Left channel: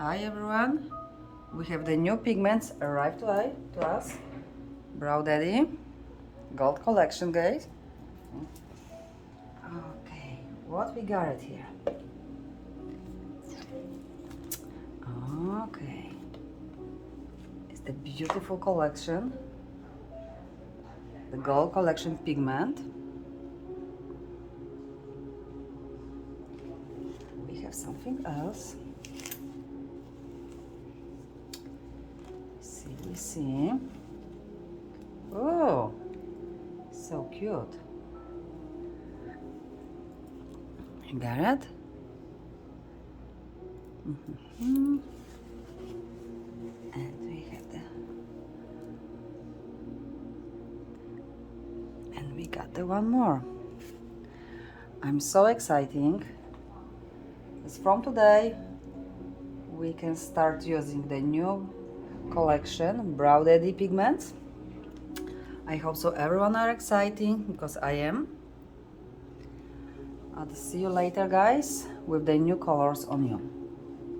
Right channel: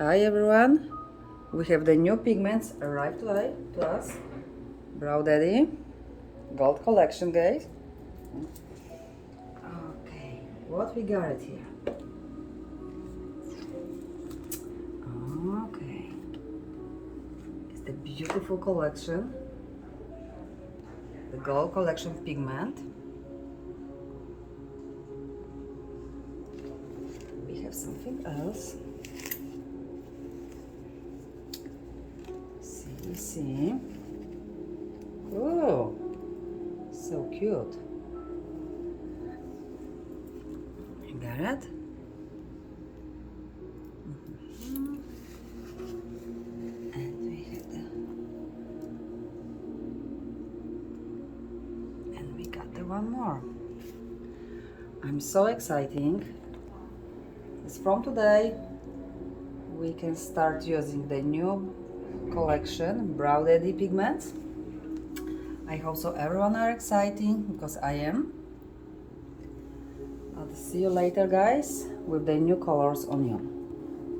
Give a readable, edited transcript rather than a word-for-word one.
Hi everyone, we have the new pigments arrived to us. Brow Daddy Gold Collection, guys. Okay, what we got it here? Okay, it's the beautiful collection, the Gold Collection pigment. We have something else. See. Oh, so cute. You got it? And we have and we got the one more. I'm so exciting. It's from today. We can start using the new collection Brow Daddy pigments. I hope so everyone are exciting because I am. I'll see you later, guys, with the new colors on you.